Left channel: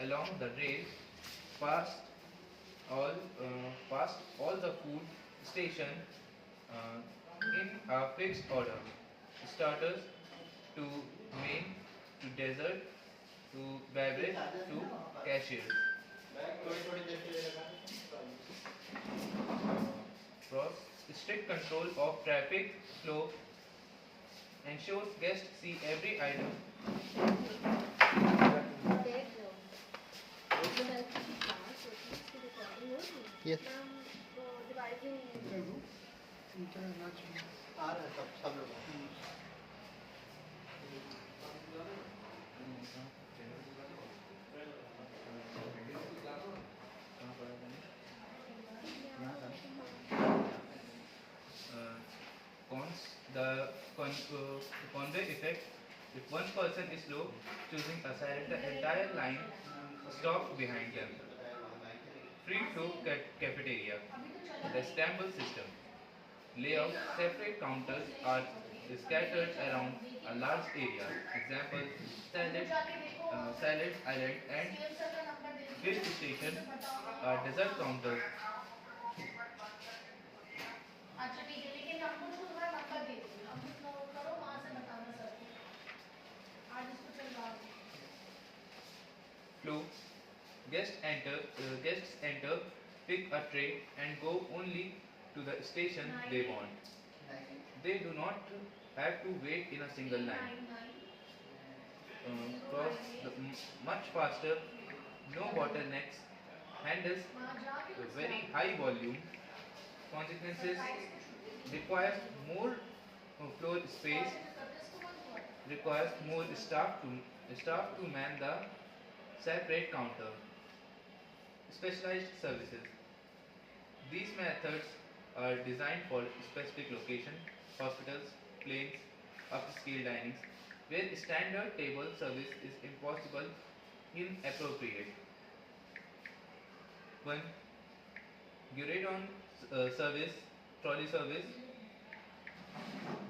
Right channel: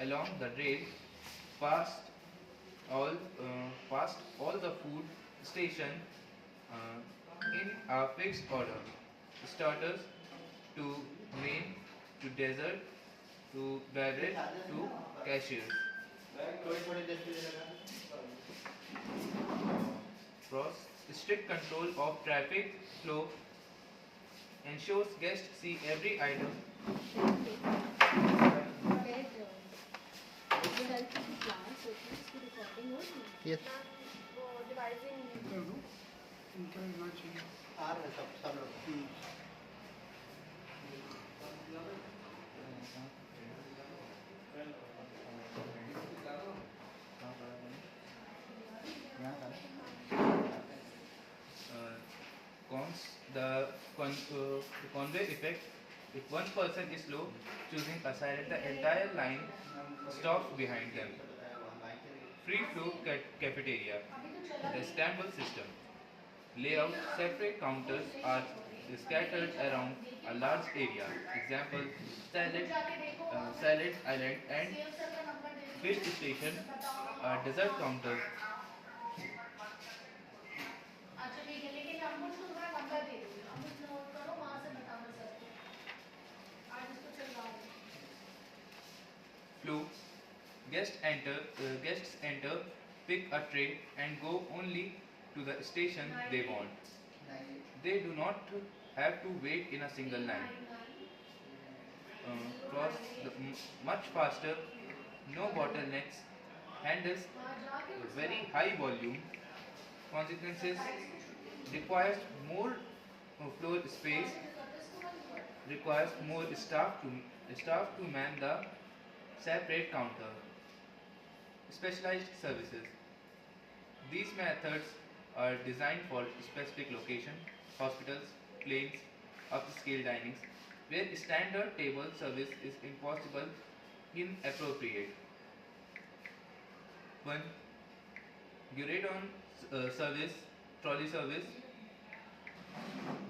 along the rail past past all the food station in a fixed order. Starters to main to dessert to beverage to cashiers. Pros. Strict control of traffic flow ensures guests see every item. Yes. Cons. The conveyor effect. If one person is slow, choosing a side, the entire line stops behind them. Free flow cafeteria. The Istanbul system. Layout. Separate counters are scattered around a large area. Example: salad island and fish station. Dessert counter. अच्छा ठीक है लेकिन हम कुछ थोड़ा number दे देंगे हम कुछ नोट करो वहां से बताना सर आज इसको चल रहा है Flow. Guests enter, pick a tray, and go only to the station they want. They do not have to wait in a single line. Cross much faster, no bottlenecks, handles very high volume. Consequences requires more floor space, requires more staff to man the separate counter. Specialized services. These methods are designed for specific location, hospitals, planes, upscale dinings, where standard table service is impossible, inappropriate. 1. Guridon service, trolley service.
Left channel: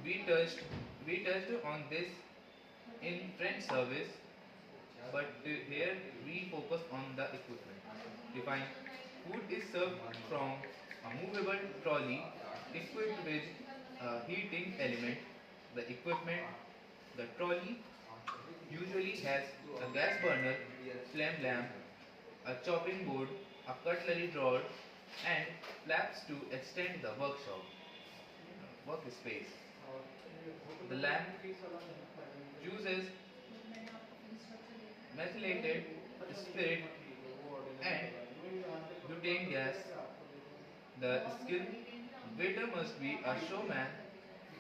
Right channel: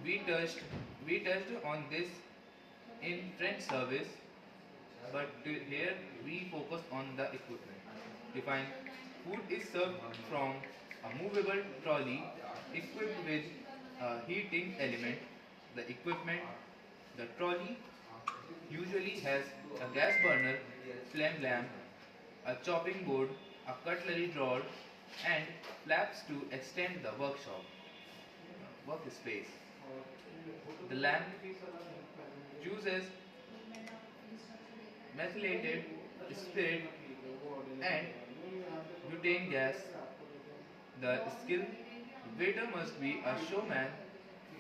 We touched on this in French service, but here we focus on the equipment. Define. Food is served from a movable trolley equipped with a heating element. The equipment, the trolley usually has a gas burner, flame lamp, a chopping board, a cutlery drawer, and flaps to extend the workspace. The lamp uses methylated spirit and butane gas. The skill waiter must be a showman,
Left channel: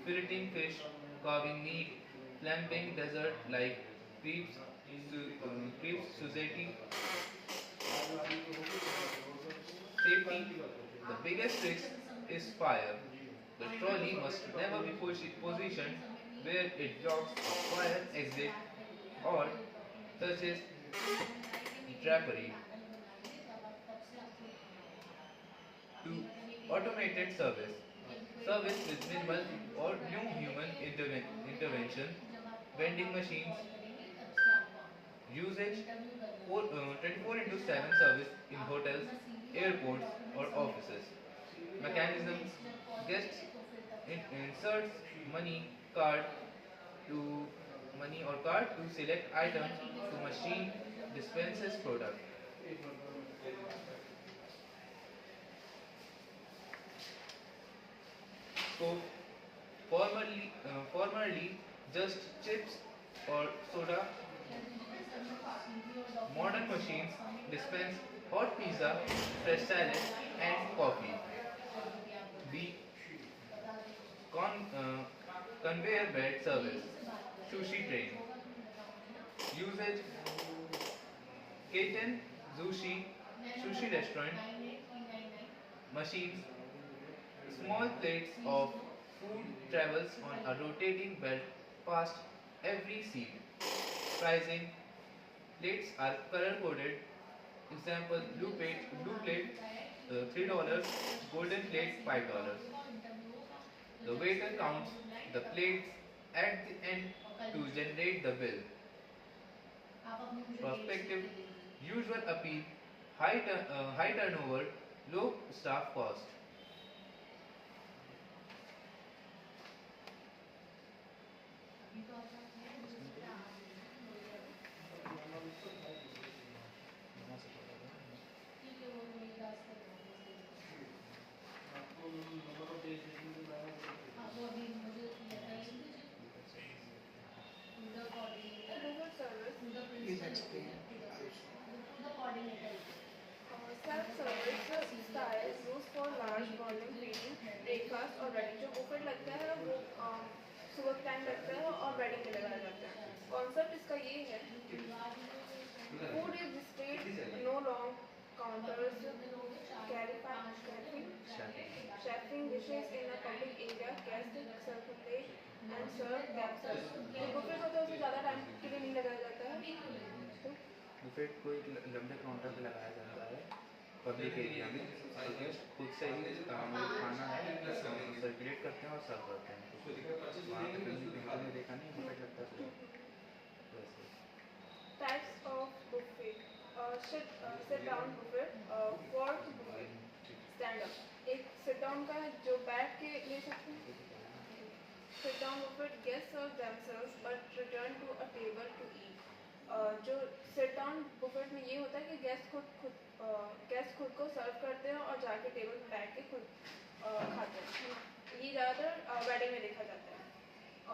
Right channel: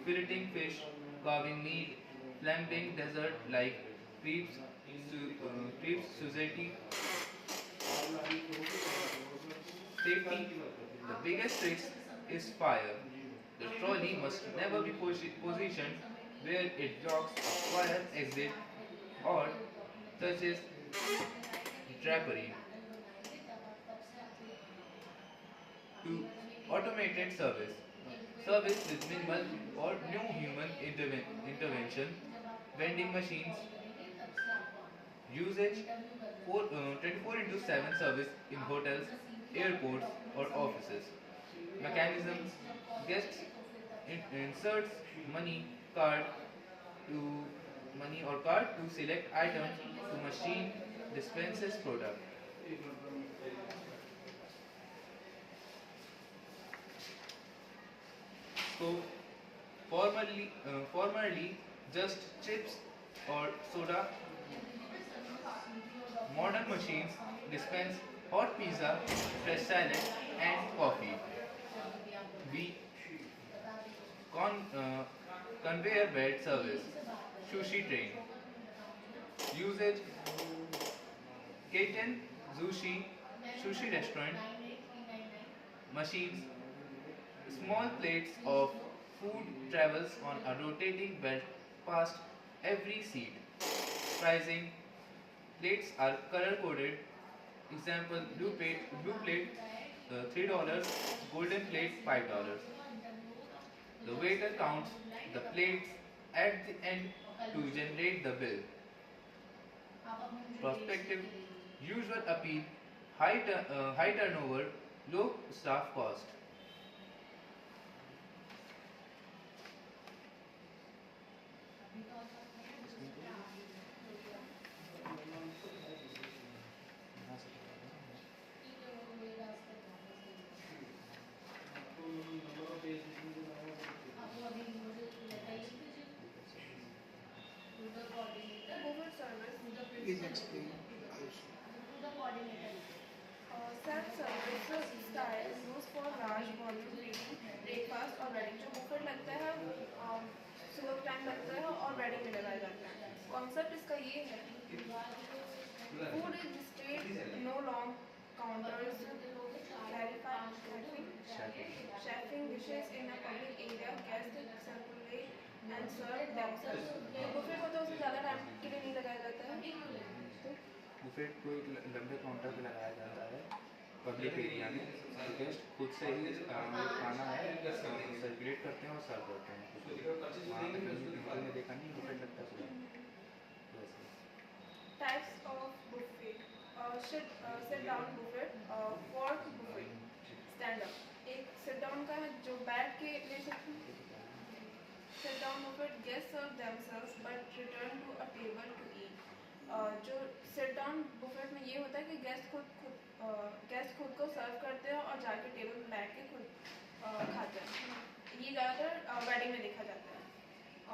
filleting fish, carving meat, flambing dessert like crepes, Suzette. Safety. The biggest risk is fire. The trolley must never be positioned where it blocks a fire exit or touches drapery. To automated service. Service with minimal or no human intervention. Vending machines. Usage 24 into 7 service in hotels, airports, or offices. Mechanisms. Guests inserts card to money or card to select item to machine dispenses product. Scope. Formerly just chips or soda. Modern machines dispense hot pizza, fresh salad, and coffee. B. Conveyor belt service. Sushi train. Usage. Kaiten sushi restaurant. Machines. Small plates of food travels on a rotating belt past every seat. Pricing. Plates are color coded. Example: blue plate $3, golden plate $5. The waiter counts the plates at the end to generate the bill. Perspective. Usual appeal: high turnover, low staff cost. Buffet service. Please explain also. Self-service style used for large volume greeting, breakfast और ready. जो buffet लगता है वो सुबह के time लगता है और ready में लगाया जाता है. Concept इसका ये है, food is displayed, no long counters, chefing dishes in a public area, guests circulate and serve themselves. जो buffet होता है उसमें ज़्यादा टाइम के लिए नहीं लगाया जाता है. बुफेट को एक लंबे काउंटर पे लगाया जाता है पब्लिक एरिया में, तो गेस्ट खुद से ही खाना है सर्कुलेट करते हैं और सर्व करते हैं. वहाँ पे मैंने देखा नहीं बुफेट लगता है वैसे. Types of buffet. Sit down buffet, fork buffet, stand up. एक sit down का है जो बैठ के ले सकते हैं. Sit down buffet, guests serve themselves but return to a table to eat. जो sit down buffet में ये होता है कि गेस्ट खुद को सर्व करते हैं और जाके टेबल पे बैठ के खुद खाते हैं. ये ज़्यादातर वेडिंग में देखा जाता है.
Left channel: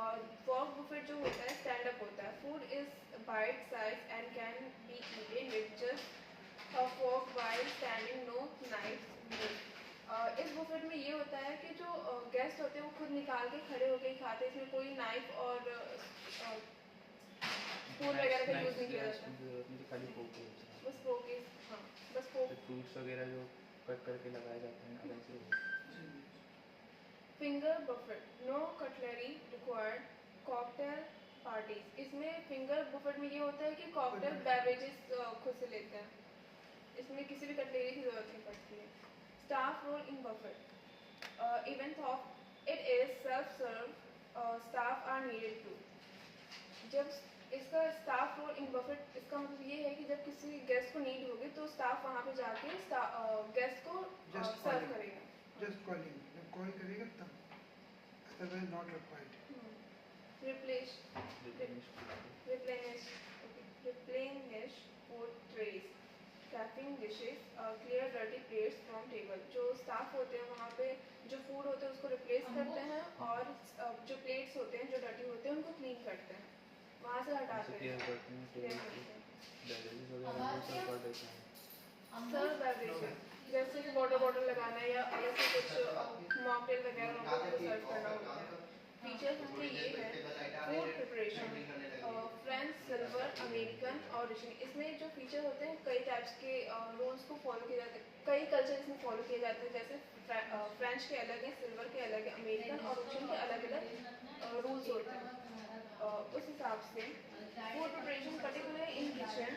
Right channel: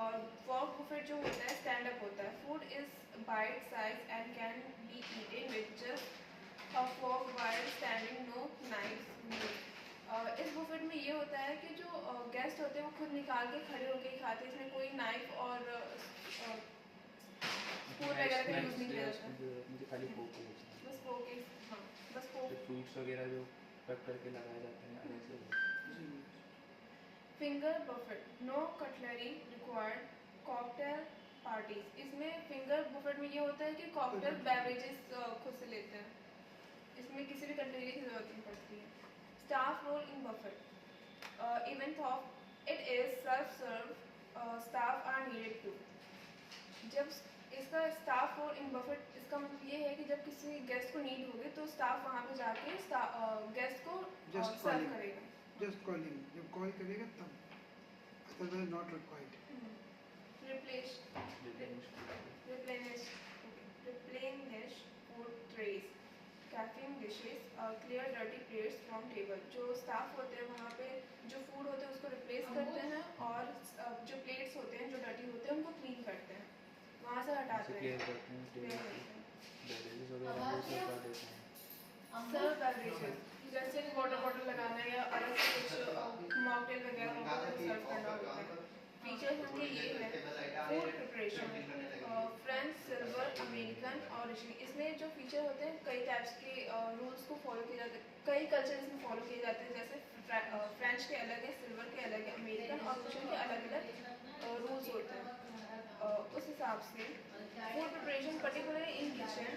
और fork buffet जो होता है स्टैंड अप होता है. Food is bite size and can be eaten with just a fork while standing, no knives used. इस बुफेट में ये होता है कि जो गेस्ट होते हैं वो खुद निकाल के खड़े होके ही खाते हैं. इसमें कोई नाइफ और स्पून वगैरह का यूज़ नहीं किया जाता. मुझे खाली फोक बस फोक ही. हाँ बस फोक. फ्रूट्स वगैरह जो कट करके लगाए जाते हैं वैसे. Finger buffet, no cutlery required, cocktail parties. इसमें फिंगर बुफेट में ये होता है कि कॉकटेल बेवरेजेस खुद से लेते हैं. इसमें किसी भी कटलरी की जरूरत नहीं पड़ती है. Staff role in buffet, even of it is self serve, staff are needed to. जब इसका स्टाफ रोल इन बफेट इसका मतलब ये है कि जब किसी गेस्ट को नीड होगी तो स्टाफ वहाँ पे जाके गेस्ट को सर्व करेगा. Just calling. जब कॉल करेगा तब. Otherwise not required. Replenish food trays, capping dishes, clear dirty plates from table. जो स्टाफ होते हैं वहाँ पे जो फूड होते हैं उसको रिप्लेस करते हैं और जो प्लेट्स होते हैं जो डर्टी होते हैं उनको क्लीन करते हैं, वहाँ से हटाते हैं. सर्व बेवरेजेस जैसे कि वाटर बॉटल लगाना है या अलग से कुछ मॉकटेल वगैरह उनको सर्व करना होता है. फीचर्स इसके ये है, food preparation, French, silver, American और रिचिंग. इसमें जो फीचर होते हैं कई टाइप्स के रूल्स को फॉलो किए जाते हैं. कई कल्चर इसमें फॉलो किए जाते हैं. जैसे फ्रेंच के अलग है, सिल्वर के अलग है, अमेरिकन और रिचिंग के अलग अलग रूल्स होते हैं. उस हिसाब से food preparation particular in kitchen,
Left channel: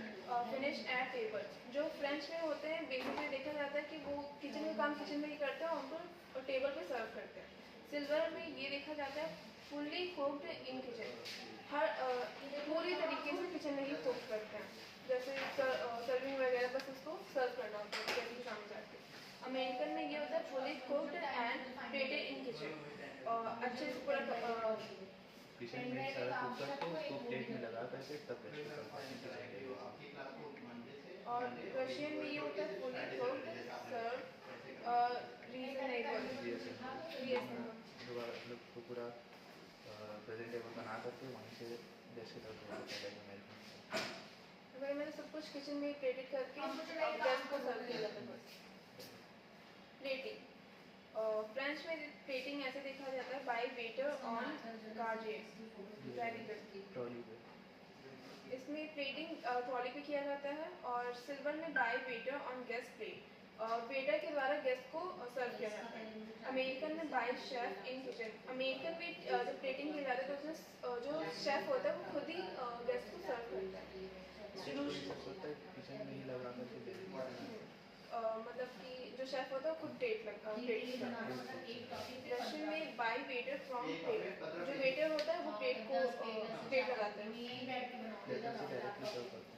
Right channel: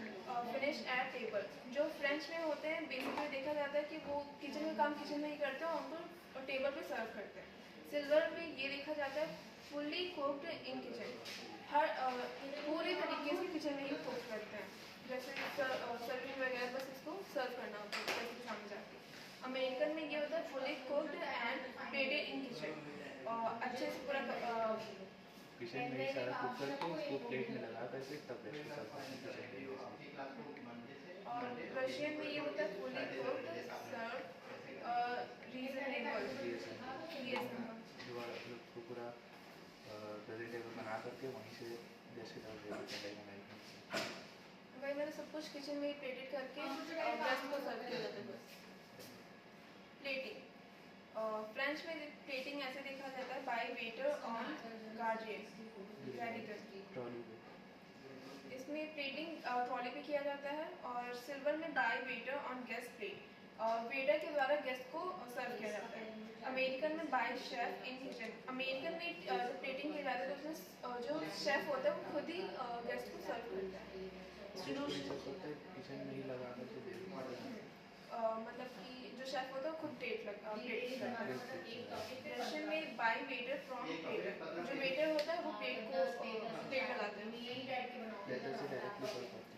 finish at table. जो फ्रेंच में होते हैं बेसिकली देखा जाता है कि वो किचन में काम किचन में ही करते हैं और उनको टेबल पे सर्व करते हैं. सिल्वर में ये देखा जाता है फुल्ली कुक्ड इन किचन, हर पूरी तरीके से किचन में ही कुक करते हैं. जैसे सर्विंग वगैरह बस उसको सर्व करना होता है जैसे कि सामने जाके. अमेरिकन में ये होता है fully cooked and plated in kitchen, अच्छे से पूरा किचन में सारा कुक करके उसको प्लेट में लगा करके तब रेस्ट करते हैं. और रशियन में ये होता है फुल्ली कुक्ड सर्व रीजनेबल. तो पूरा प्रेजेंटेबल बना करके वहीं से जैसे वही मैंने सब कुछ किचन में प्लेटेड करके गेस्ट को सर्व किया जाता है. बस प्लेटिंग. फ्रेंच में प्लेटिंग ऐसे देखा जाता है बाय वेटर ऑन गार्जियन. इसमें प्लेटिंग ट्रॉली पे किया जाता है. और सिल्वर में by waiter on guest plate, waiter के द्वारा गेस्ट को सर्व किया जाता है. अमेरिकन में by chef in kitchen. American में जब प्लेटिंग किया जाता है तो उसमें जो शेफ होता है वो खुद ही गेस्ट को सर्व करता है. किचन में ही लगा करके मतलब कि जो शेफ होता है वो खुद प्लेट करता है. रशियन में बाय वेटर फ्रॉम टेबल. जो वेटर होता है वो प्लेट लगाता है.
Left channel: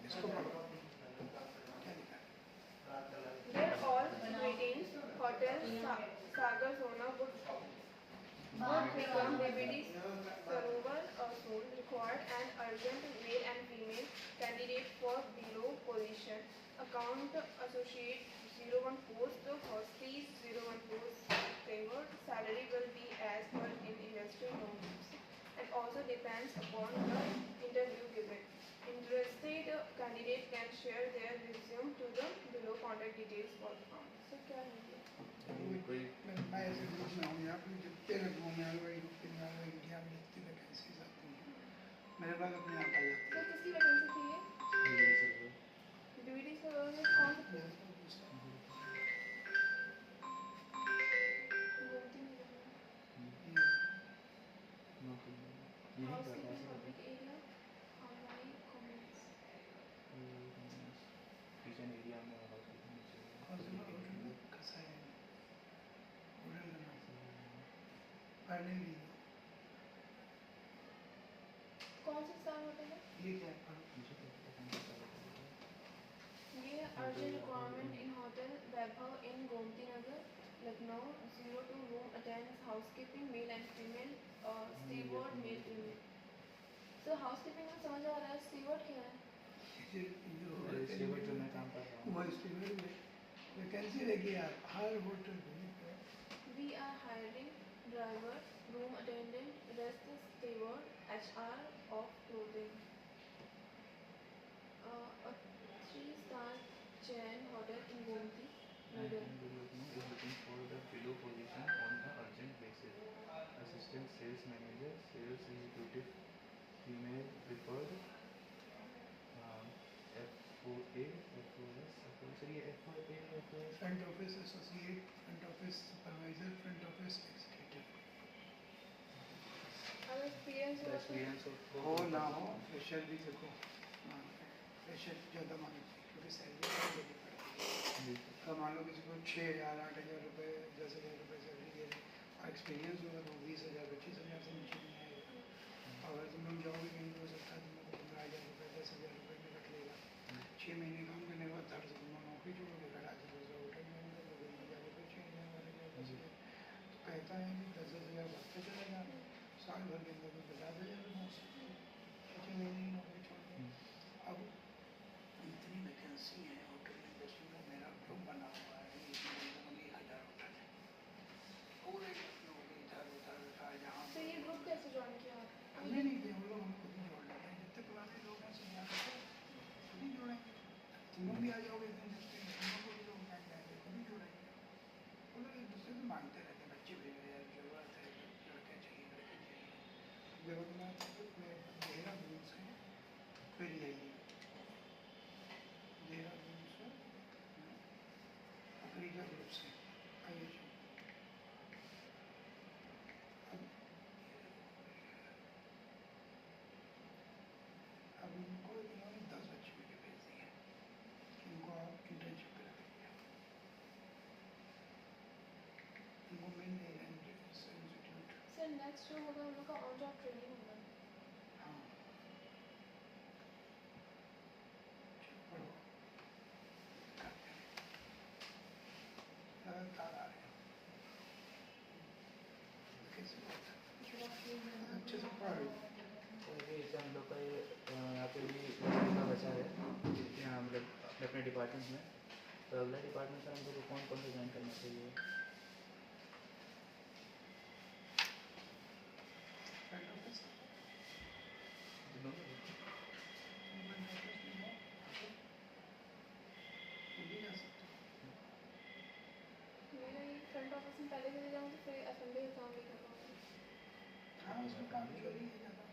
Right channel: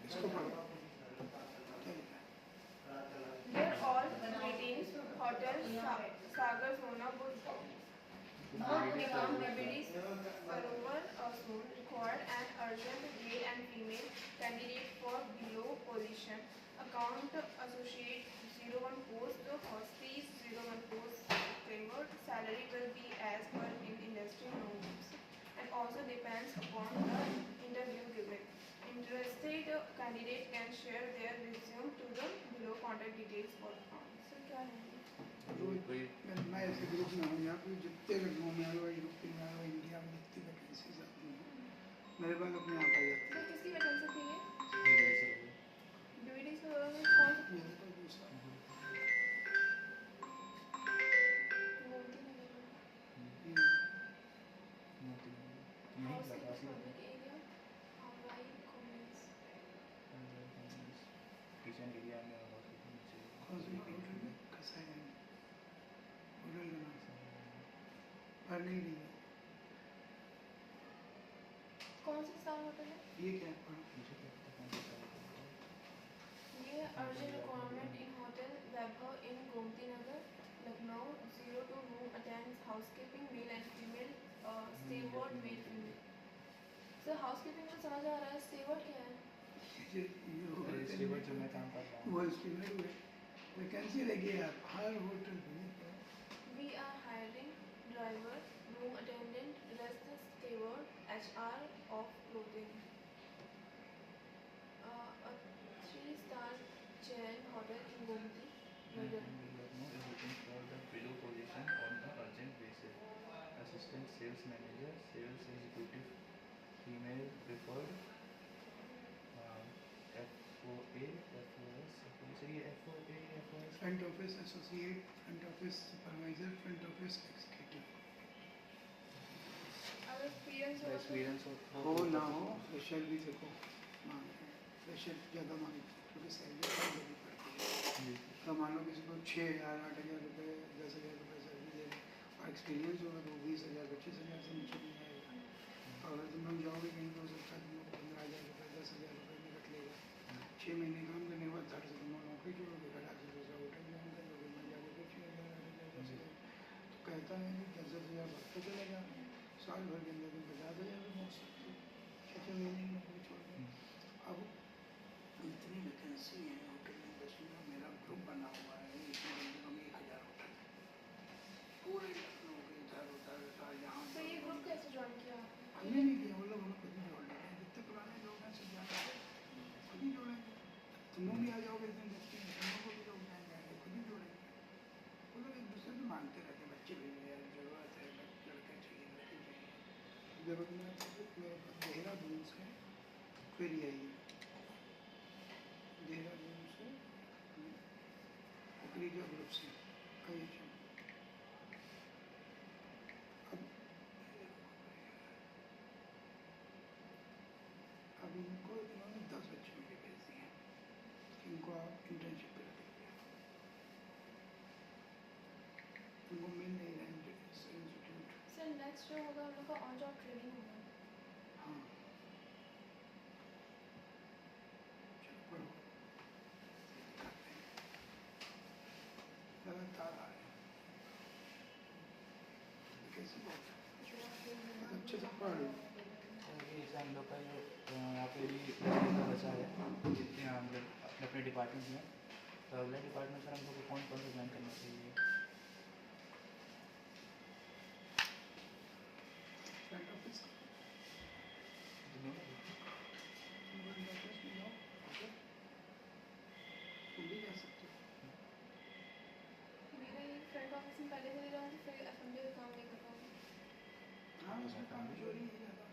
इसको पढ़ो. account associate 01 post, hosties 01 post favored. Salary will be as per in industry norms and also depends upon the interview given. Interested candidate can share their resume to the below contact details for account. So क्या है ये? कोई मैं ऐसे group में हूँ यहाँ पे जितने लखनऊ में आए यूपी में आए इंडिया में जितनी वैकेंसीज आती हैं मेरे पास अपने आप आ जाती सर है। किसकी वैकेंसी थी ये? बीडी सर्वर में कौन सी? मेरे पास दूसरा किचन एरिया में हॉस्पिटल हॉस्पिटल में कसा है होटल लगा पर नहीं ली कौन सा स्टार होटल है? ये क्या है पढ़ो ये urgent requirement in hotel Vaibhav in Gomti Nagar Lucknow 02 room attends housekeeping male and female steward male female. Sir housekeeping में समझ आ रहा है स्टीवर्ड क्या है? जो मैं काम कर रहा हूँ वो एस्टिमेट में वैकेंसी लगी है हर होटल में We are hiring driver, room attendant, rest steward, HR of clothing. A 3-star chain hotel in Gomti, Nagar. is looking for the below position on the urgent basis. Assistant sales manager, sales executive, female preferred, FOA, FOS, ये FOA, FOS, front office associate front office supervisor front office executive Our experience the was experience of हो ना हो fresher भी देखो मांगते हैं fresher ज़्यादा मांगते हैं क्योंकि सैलरी बहुत बड़ी पड़ती है। अब मान लो किसी को 6,000 8,000 रुपये 10,000 रुपये सैलरी दे रहे और एक्सपीरियंस होगा तो 20,000 25,000 से नीचे नहीं आएगा। और अगर तुम लोग जाओगे कहीं हो सकता है तुम लोग को 15,000 रुपये 10,000 रुपये में रख लेगा। 6 महीने काम करने के बाद धड़ से तुम लोग नौकरी छोड़ोगे घटा से दूसरा होटल ज्वाइन कर लोगे मैं जाओगे फिर 6,000 8,000 10,000 तो कहता है कि 10,000 बढ़ता चला जा साल भर के अंदर तुम 50,000 में पहुँच सकते हो 6 महीने की नौकरी छोड़ के। अब इतनी वैकेंसी है होटल इंडस्ट्री में मेरा ग्रुप बना हुआ है इसमें कम 1,000 होटल है पूरे लखनऊ के इधर उधर उधर यहाँ तो ये ग्रुप कैसे ज्वाइन किया? हमने नहीं किया वो लोग हमें खुद ही जोड़ लेते हैं जितने पुराने लोग हैं सब यहाँ करते हैं खुद ही जोड़ेंगे तुम लोग भी आ जाओगे इस इंडस्ट्री में तुम लोग को भी लोग जान जाएंगे खुद ही जोड़ेंगे वो लोग एक दूसरे से मांगते रहते हैं बच्चे भी यार ज़रूरत है लड़के चाहिए लड़के चाहिए जरूरतमंद मेरे पास देहरादून से फिर यही है देहरादून से अकरीजा ग्रुप से कई अब इनको इन्होंने 10 बच्चे मुझे भेज दिए इनको आप इंटर्नशिप कर दीजिए इनको मिल नहीं रहा इंस्टीट्यूट सर नेक्स्ट जो होगा उन लोग का ऑन जॉब ट्रेनिंग होगा। हाँ चलो पढ़ो लगातार आ रहे हैं कैसे बहुत अच्छे से पढ़ रही एग्जाम लोग का ये यहाँ पे भी लड़की का बचा है जितने हम लोग अपने डिपार्टमेंट में तो अगला डिपार्टमेंट सर हम लोग को कौन कौन सा ज्वाइन करना चाहिए? फ्रंट ऑफिस दोनों तुम भी जा सकते हो मेरा ये फ्रंट ऑफिस में पहले चले जाऊँगी फिर असेंबली का काम नहीं कर पाऊँगी। हाँ उसमें काम चोरी है ज़्यादा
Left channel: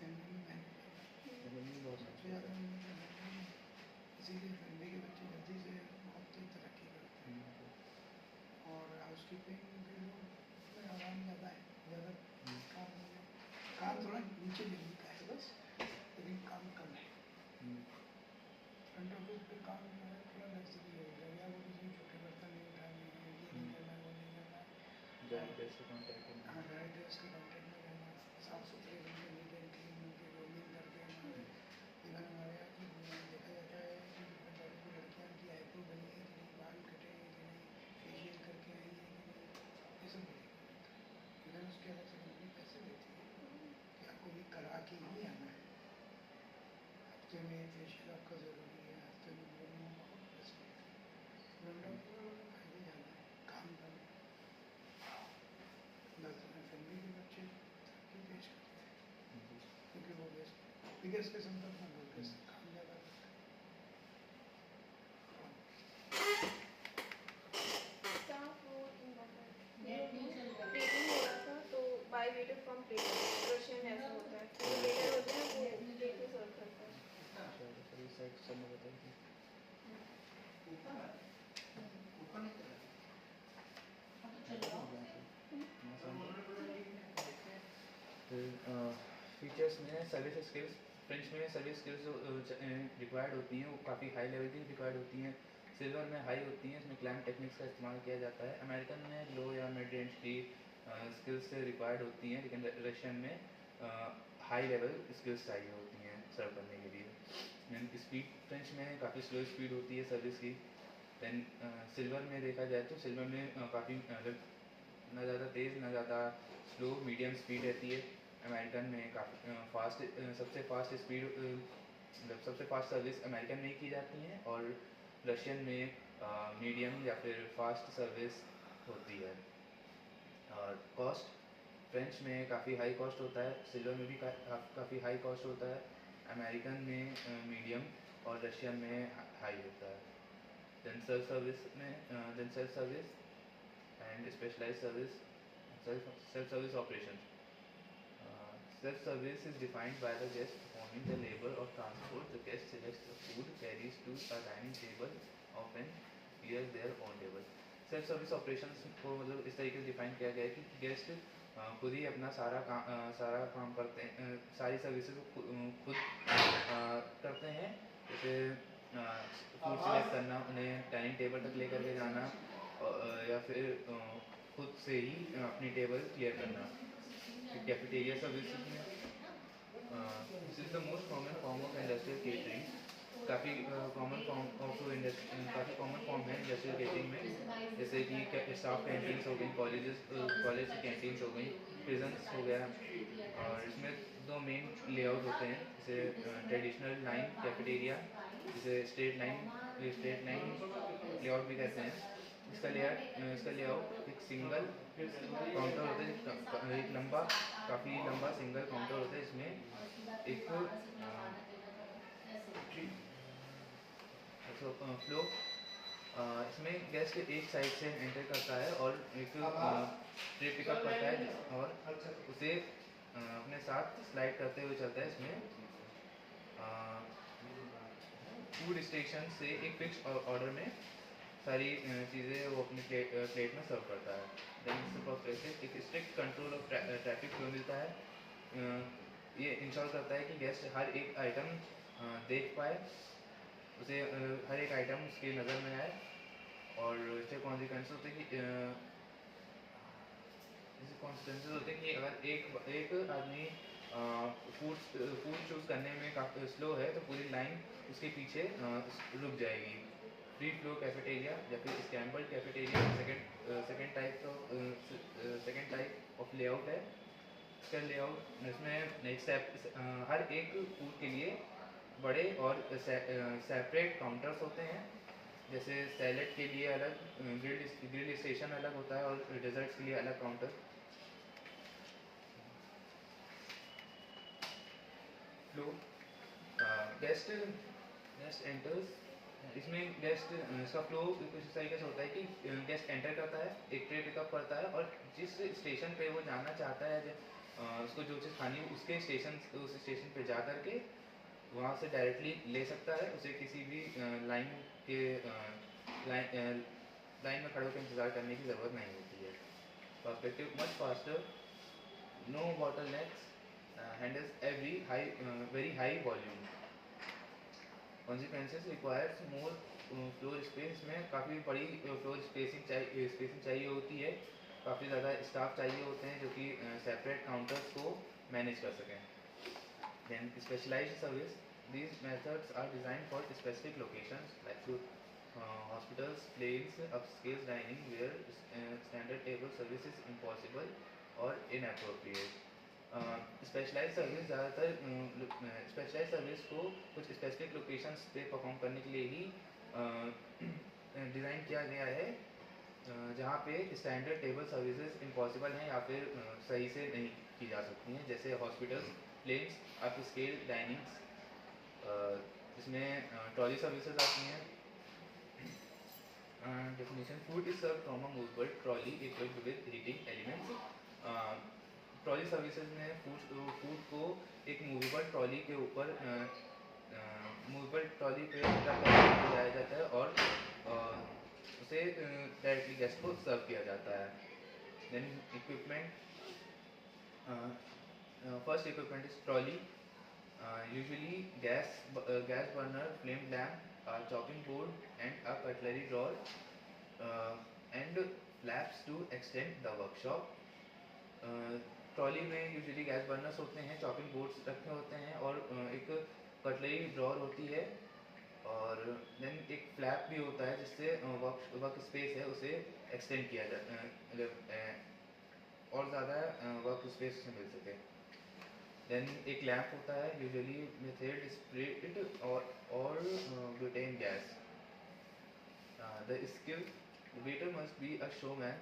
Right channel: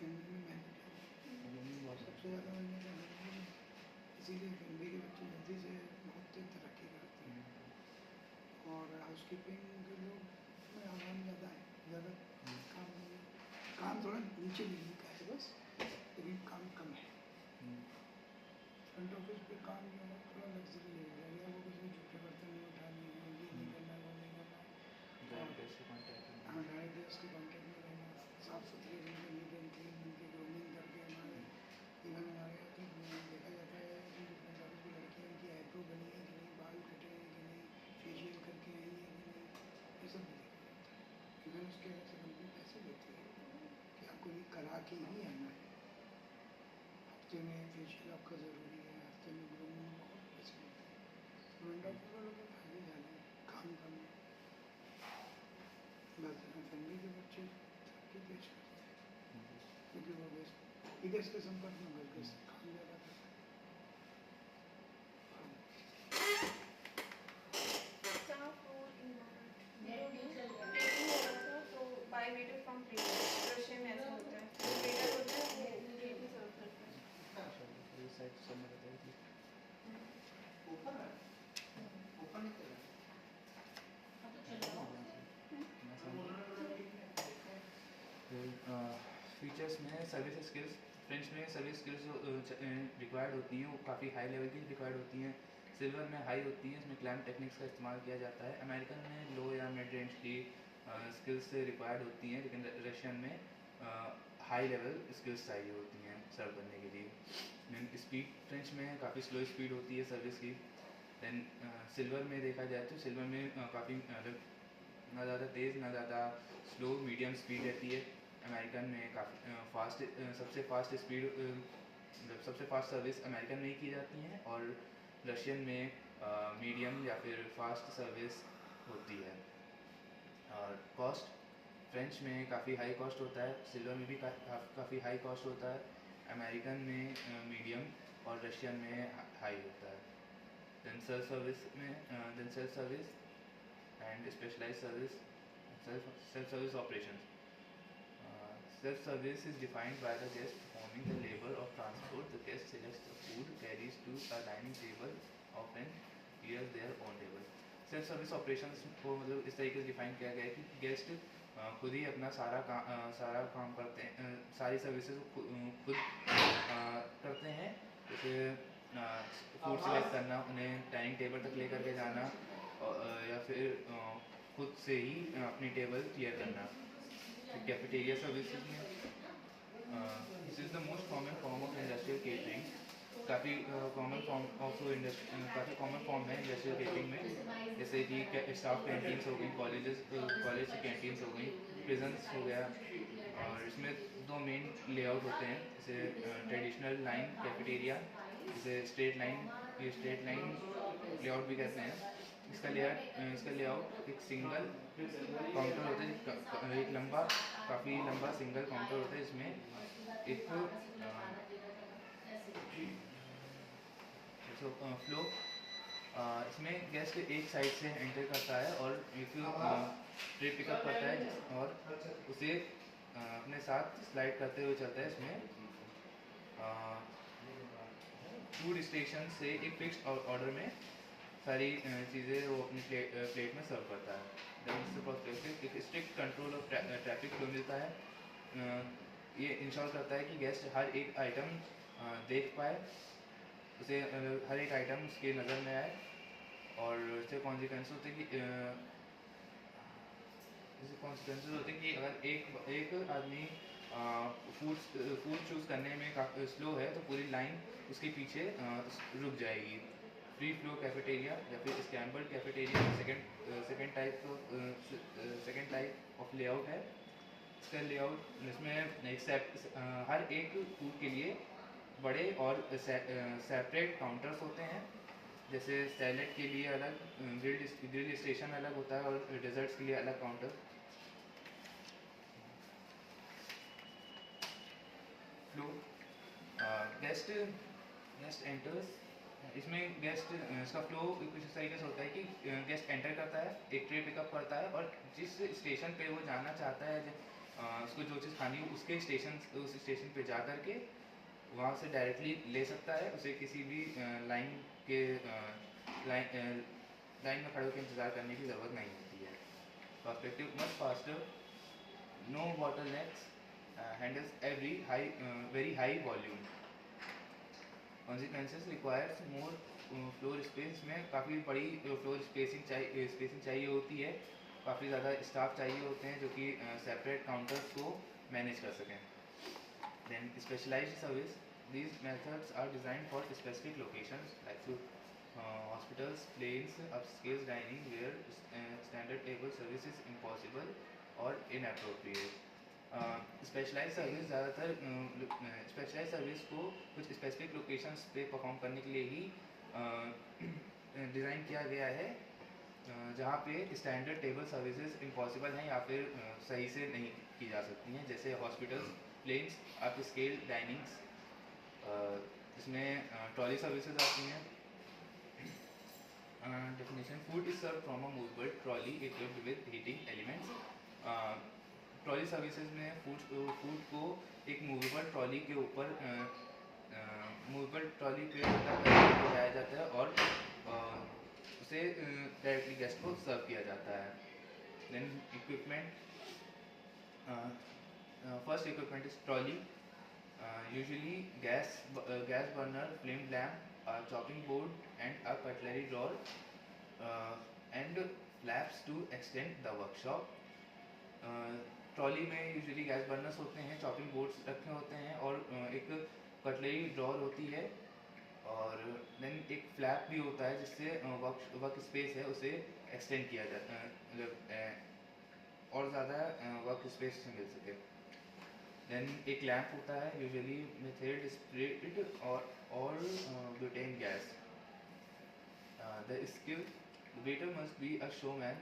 फैमिली में मेहनत बहुत सबसे ज़्यादा मेहनत है इसीलिए फैमिली के बच्चे जल्दी से बहुत तेज तरक्की करते हैं और हाउसकीपिंग के लोग में आराम ज़्यादा है ज़्यादा काम नहीं है काम थोड़ा नीचे लेवल का है बस लेकिन काम कम है फ्रंट ऑफिस पे काम जो है थोड़ा लग्जरी लेवल है या वो किसी झूठे बर्तन नहीं उठाने हैं ये नहीं करना है वो नहीं करना है डायरेक्ट से कॉन्टैक्ट हाँ डायरेक्ट उसके कॉन्टेक्ट में रहना साफ सुथरे रहना नीट एंड क्लीन उनकी ग्रूमिंग करके हमारे इवन हमारे यहाँ तो देखा जाता है कि डिफरेंट टाइप की लड़कियाँ उनकी आईब्रो बनी है कि नहीं बाल कटे हैं कि नहीं फेशियल करके आई है कि नहीं ये सब भी देखा जाता है इवन उसके अलग से कंपनी पैसे देती है कि आपको ये करा के ही आना है हफ्ते में फेशियल आपका ज़रूरी है हफ्ते में ग्रूमिंग बहुत पैसे वो बिगेस्ट किस्म का अपना बिगेस्ट काम ज़्यादा करता Staff role involvement. Net neutral कर ट्रेनिंग हो रहा था तो by waiter from training Russian ऐसा होता है जो वेटर होते हैं वो प्लेट में सर्व करते हैं अब तो चलो फीचर्स में सर्विस स्किल्स, फ्रेंच में सर्विस स्किल्स जो रिक्वायर्ड होती हैं वो काफ़ी हाई लेवल की रिक्वायर्ड होती हैं। सिल्वर में हाई होती हैं, इसमें क्लैम्प टेक्निक्स का इस्तेमाल किया जाता है। अमेरिकन में लो या मिड रेंज की स्किल्स रिक्वायर्ड होती हैं, लेकिन रशियन में हाई लेवल स्किल्स चाहिए होती हैं सर्व करने के लिए। दैन स्पीड, फ्रेंच में काफ़ी स्लो स्पीड होती है सर्विस की। दैन सिल्वर में देखा जाए तो सिल्वर में काफ़ी ना ज़्यादा तेज़ ना ज़्यादा स्लो, मीडियम स्पीड रहती है। अमेरिकन में काफ़ी फास्ट, सबसे फास्ट स्पीड मतलब सबसे फास्ट सर्विस अमेरिकन में ही की जाती हैं, और रशियन में मीडियम या फिर फास्ट सर्विस होती है। और कॉस्ट, फ्रेंच में काफ़ी हाई कॉस्ट होता है, सिल्वर में भी काफ़ी हाई कॉस्ट होता है। अमेरिकन में मीडियम और रशियन में हाई होता है। दैन सेल्फ सर्विस में self service and specialised service, self service operations. Self service is defined by the guest performing the labor of transport. The guest selects the food, carries to a dining table, often clears their own table. Self service operations को मतलब इस तरीके से define किया गया है कि guest खुद ही अपना सारा काम करते हैं, सारी सर्विसेज खुद करते हैं। जैसे फूड सिलेक्ट करना, उन्हें डाइनिंग टेबल तक लेकर के जाना, या फिर खुद से ही अपनी टेबल क्लियर करना। कैफेटेरिया सर्विसेज में this is the most common form of industrial catering. काफ़ी कॉमन फॉर्म है इंडस्ट्रियल केटरिंग में, जैसे कि स्टाफ कैंटीन्स हो गई, कॉलेज की कैंटीन्स हो गई, प्रिजन्स हो गया। और इसमें दो मेन लेआउट होते हैं, जैसे ट्रेडिशनल लाइन कैफेटेरिया, जिसे स्ट्रेट लाइन लेआउट भी कहते हैं। इसका लेआउट एक सिंगल काउंटर होता है, एक लंबा, काफ़ी लंबा सिंगल काउंटर होता है। इसमें एक फ्लो, इसमें गेस्ट एक साइड से एंटर करता है और एक ट्रे पिकअप करता है और उसे अपने साथ स्लाइड करते हुए चलता है। इसमें फूड स्टेशन से एक फिक्स ऑर्डर में सारी चीज़ें वो अपनी प्लेट में सर्व करता है। दैन पर्सपेक्टिव, एक strict control of traffic flow मिलता है। ये इंश्योर करता है कि गेस्ट हर एक आइटम देख पाए, उसे हर एक आइटम उसकी नज़र में आए, और इससे कॉन्सिक्वेंसेस होते हैं कि अगर एक आदमी फूड चूज़ करने में काफ़ी स्लो है तो पूरी लाइन उसके पीछे रुक जाएगी। फ्री फ्लो कैफेटेरिया या फिर scrambled cafeteria second type of layout है। इसका लेआउट, इसमें हर एक फूड के लिए बड़े और सेपरेट काउंटर्स होते हैं। जैसे सैलेड के लिए अलग ग्रिल स्टेशन अलग होता है, और डेजर्ट्स के लिए अलग काउंटर। फ्लो, गेस्ट एंटर्स, इसमें इसका फ्लो कुछ इस तरीके से होता है कि गेस्ट एंटर करता है, एक ट्रे पिकअप करता है, और जिस स्टेशन पे वो जाना चाहता है, उसको जो चीज़ खानी है उस स्टेशन पे जा कर के वहाँ से डायरेक्टली ले सकता है। उसे किसी भी लाइन में खड़े होकर इंतज़ार करने की ज़रूरत नहीं होती है। Perspective, much faster, no bottlenecks, handles very high volume. Consequences requires more floor space, में काफ़ी बड़ी फ्लोर स्पेसिंग चाहिए होती है। काफ़ी ज़्यादा स्टाफ चाहिए होते हैं जो कि सेपरेट काउंटर्स को मैनेज कर सकें। Then specialized service, these methods are designed for specific locations like hospitals, planes, upscale dining where standard table service is impossible or inappropriate. Specialise service को कुछ स्पेसिफिक लोकेशंस पे परफॉर्म करने के लिए ही design किया गया है, जहाँ पे स्टैंडर्ड टेबल सर्विसेज इम्पॉसिबल हैं या फिर सही से नहीं की जा सकती हैं। जैसे planes, upscale dinings, इसमें ट्रॉली सर्विसेज आती हैं. Definition: food is served from a movable trolley equipped with heating elements. Trolley services में फूड को एक मूवेबल ट्रॉली के ऊपर मूवेबल ट्रॉली पे लगाया जाता है और उसे डायरेक्टली गेस्ट को सर्व किया जाता है. Then equipment. First equipment is trolley. Usually gas burner, flame lamp, a chopping board, and a cutlery drawer, and flaps to extend the workshop. Trolley में यूजुअली गैस बर्नर्स होते हैं, चॉपिंग बोर्ड्स रखे होते हैं और एक कटलरी ड्रॉर होती है और देन एक फ्लैप भी होता है जिससे वर्क स्पेस है उसे एक्सटेंड किया जाता है, मतलब और ज़्यादा वर्क स्पेस से मिल सके. देन एक लैम्प होता है, यूजुअली मेथड स्प्रिट और butane gas. The skill: the waiter must be a showman,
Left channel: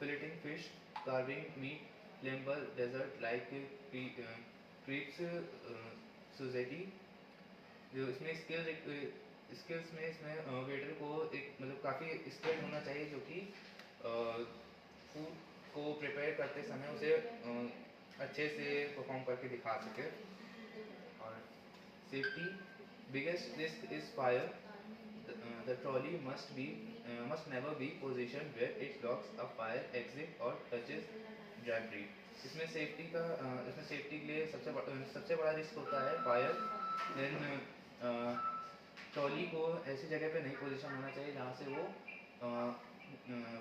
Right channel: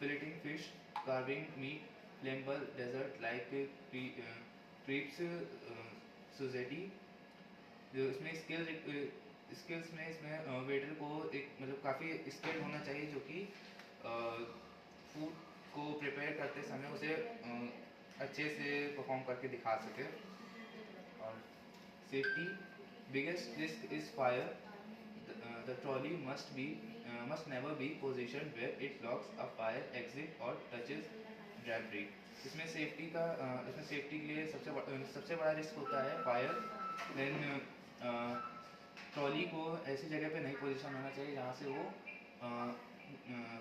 filleting fish, carving meat, flammable dessert like crepes, suzette. जो इसमें स्किल्स में इसमें वेटर को एक मतलब काफ़ी स्किल होना चाहिए जो कि फूड को प्रिपेयर करते समय उसे अच्छे से परफॉर्म करके दिखा सके. और safety: biggest risk is fire. The trolley must never be positioned where it blocks a fire exit or touches debris. इसमें सेफ्टी के लिए सबसे बड़ा रिस्क होता है फायर. देन ट्रॉली को ऐसी जगह पे नहीं पोजीशन होना चाहिए जहाँ से वो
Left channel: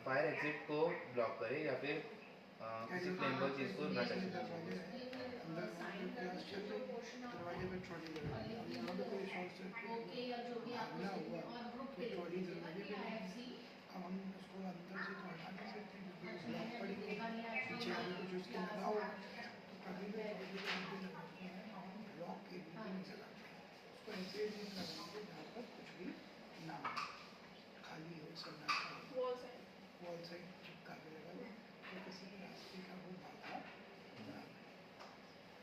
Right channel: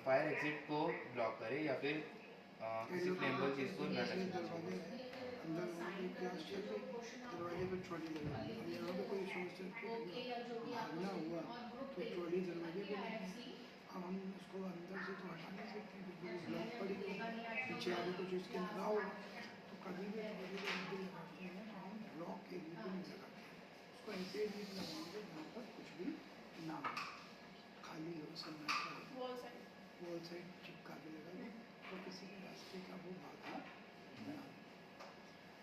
फायर एग्जिट को ब्लॉक करे या फिर किसी फ्लेमेबल चीज़ को न टच करे. दरवाजे पे ट्रॉली लगाई, यहाँ पे कोई शॉर्ट सर्किट भागना हुआ तो ट्रॉली दरवाजे पे लगी. अब हम उसको अंदर से तो हटा नहीं सकते क्योंकि ब्लॉक पड़ी पीछे आगे कुछ उसके लगा हुआ, तो कभी भी दरवाजे पे नीचे लगाते हैं तो हम ब्लॉक के नीचे नहीं लगाते हैं. उसको ऐसे ही लगाएंगे जहाँ पर कुछ भी ना हो, खाली हो, सन्नाटा हो, वॉल साइड चिपका के लगा लो तो किसी भी रास्ते का वो बाधा ना.